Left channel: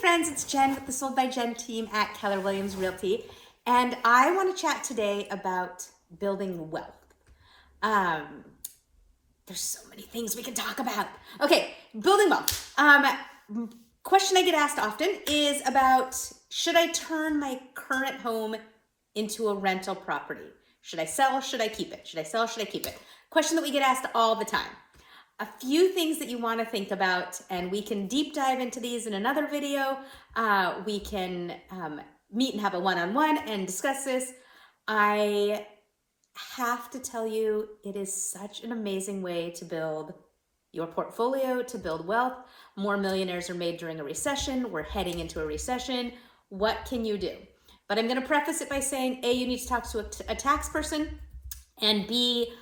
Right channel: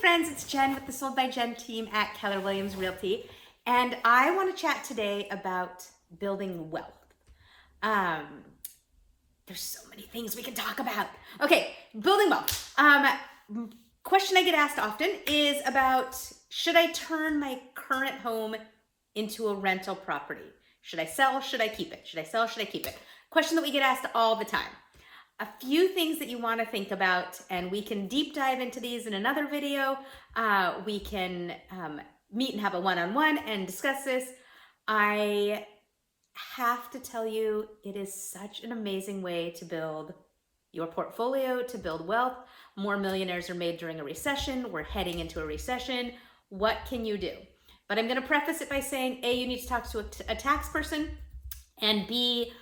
friends, it's Jen with the Sold by Jen team at Keller Williams Realty, and I want to chat today about building wealth. There's so many things we can talk about. Okay, building wealth. Question I get asked often is about, should I turn my current home into a rental property? Should I sell? Should I keep it? Should I sell? Should I keep it? Question that we get asked all the time. A few things that you want to think about, and we can deep dive into these in another video. We can meet and have a one-on-one and discuss this. I have to tell you, it is such an amazing way to build your portfolio, to build wealth. More millionaires are made during a recession. We're heading into a recession. What can you do? But I'm going to preface it by saying, A, you need to talk to a tax person, and B,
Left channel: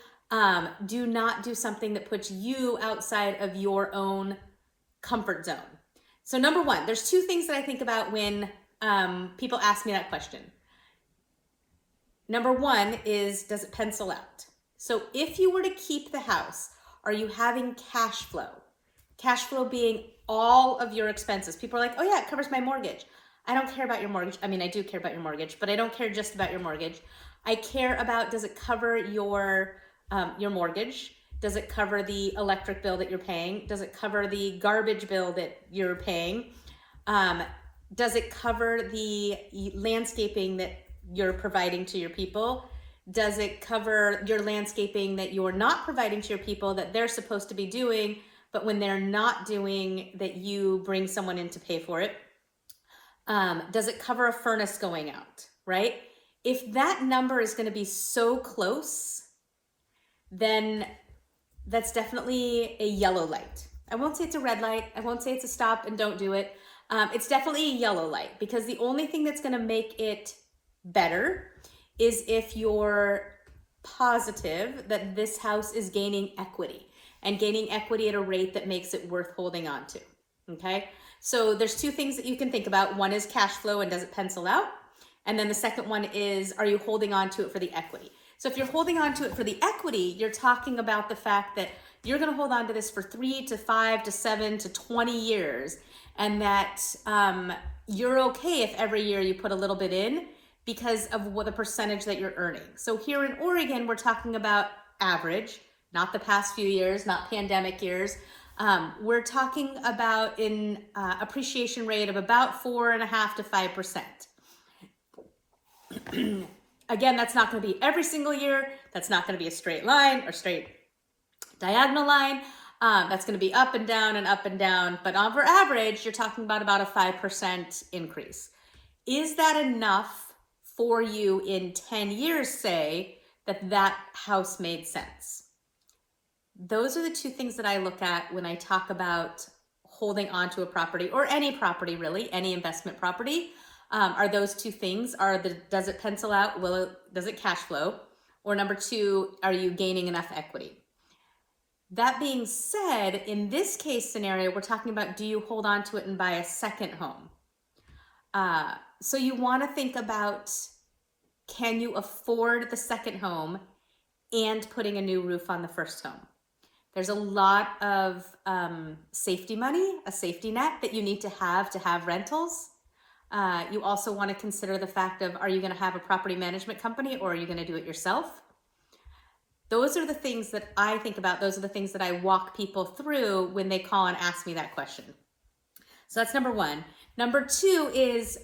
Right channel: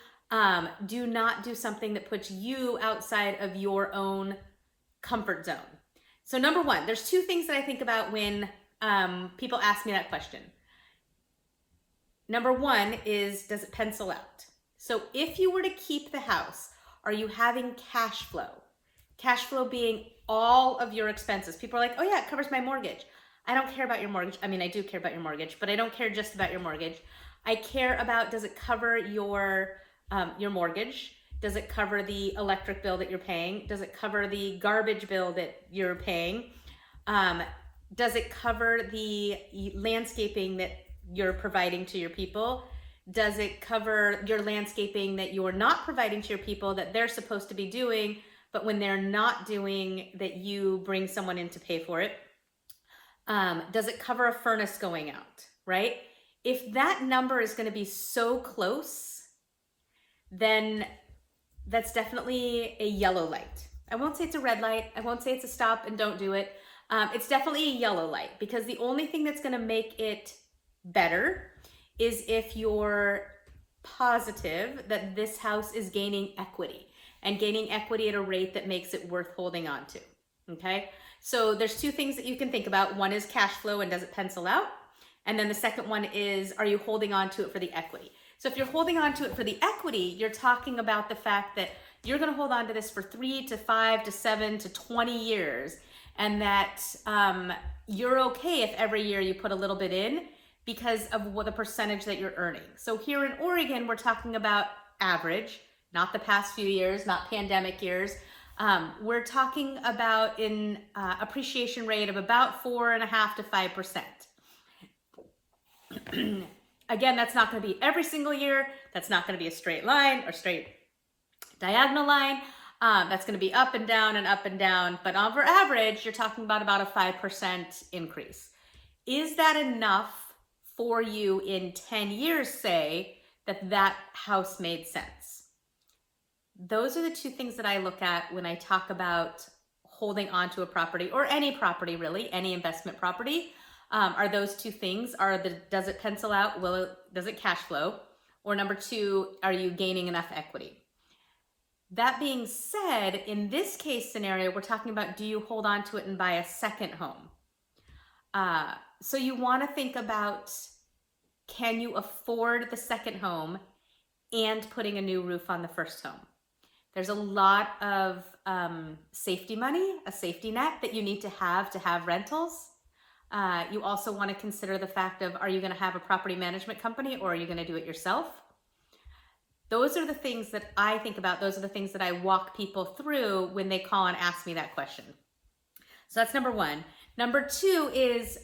do not do something that puts you outside of your own comfort zone. So number one, there's two things that I think about when people ask me that question. Number one is, does it pencil out? So if you were to keep the house, are you having cash flow? Cash flow being all of your expenses. People are like, oh yeah, it covers my mortgage. I don't care about your mortgage. I mean, I do care about your mortgage, but I don't care just about your mortgage. I care about, does it cover your mortgage? Does it cover the electric bill that you're paying? Does it cover the garbage bill that you're paying? Does it cover the landscaping that you're providing to your people? Does it cover your landscaping that you're not providing to your people that they're supposed to be doing, but when they're not doing, that you bring someone in to pay for it? Does it cover a furnace going out, right? If that number is going to be so close, then that's definitely a yellow light. I won't say it's a red light. I won't say it's a stop and don't do it. It's definitely a yellow light, because the only thing that's going to make it better is if you're positive that this house is gaining equity, and gaining equity at a rate that makes it worth holding on to. Okay, so there's two things that you can think about. One is cash flow and does it pencil out? And then the second one is, are you holding on to it for the equity? So if you're holding on to it for the equity, you're talking about the fact that you're going to hold on to this for 3 to 5 to 7 to 20 years, and that you're okay if every year you put a little bit in because of what the percentage that you're earning. So here in Oregon, we're talking about average, not the past few years, not pandemic years. We're talking about an appreciation rate of about 4.5% to 5%. Again, that's not going to be every single year. That's not going to be a straight line or straight diagonal line. That's going to be up and down and up and down. But on average, you're talking about a 5% increase. Is that enough for you in 10 years, say, that house made sense? Those are the two things that I look at when I talk about holding onto a property, or any property really, any investment property. Are those two things. Does it pencil out? Does it cash flow? Or number two, are you gaining enough equity? That being said, in this case scenario, we're talking about, do you hold on to it and buy a second home? So you want to think about, can you afford the second home and putting a new roof on the first home? There's a lot of safety money, a safety net that you need to have rentals. You also want to consider the fact of, are you going to have a property management company, or are you going to do it yourself? Those are the things that I think about. Those are the things that I walk people through when they call and ask me that question. So that's number one. Number two is,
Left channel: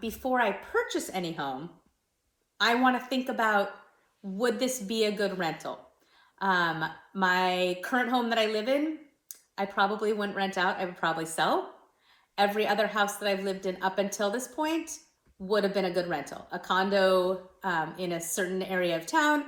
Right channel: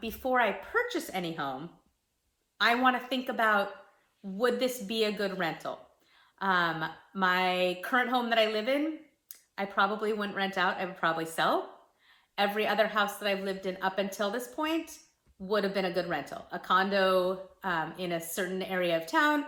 before I purchase any home, I want to think about, would this be a good rental? My current home that I live in, I probably wouldn't rent out. I would probably sell. Every other house that I've lived in up until this point would have been a good rental. A condo in a certain area of town,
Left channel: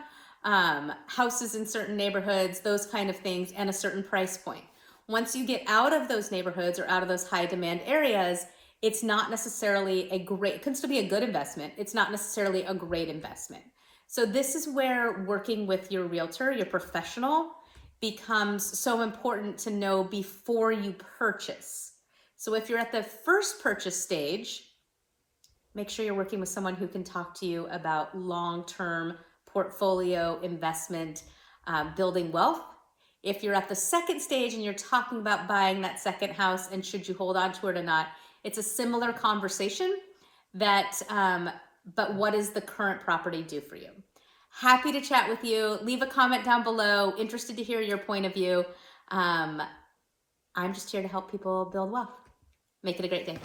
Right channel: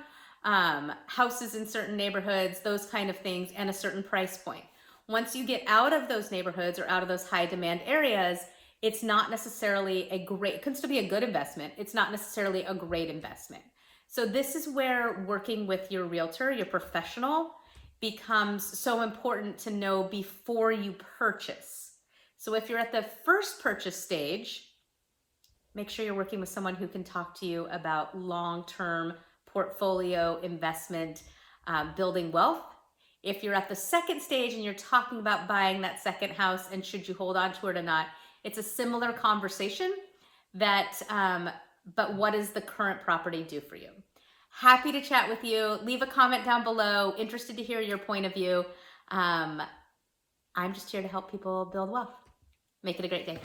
houses in certain neighborhoods, those kind of things, and a certain price point. Once you get out of those neighborhoods or out of those high demand areas, it's not necessarily it can still be a good investment. It's not necessarily a great investment. So this is where working with your realtor, your professional, becomes so important to know before you purchase. So if you're at the first purchase stage, make sure you're working with someone who can talk to you about long-term portfolio investment, building wealth. If you're at the second stage and you're talking about buying that second house and should you hold on to it or not, It's a similar conversation that, but what does the current property do for you? Happy to chat with you. Leave a comment down below. Interested to hear your point of view. I'm just here to help people build wealth. Make it a great day.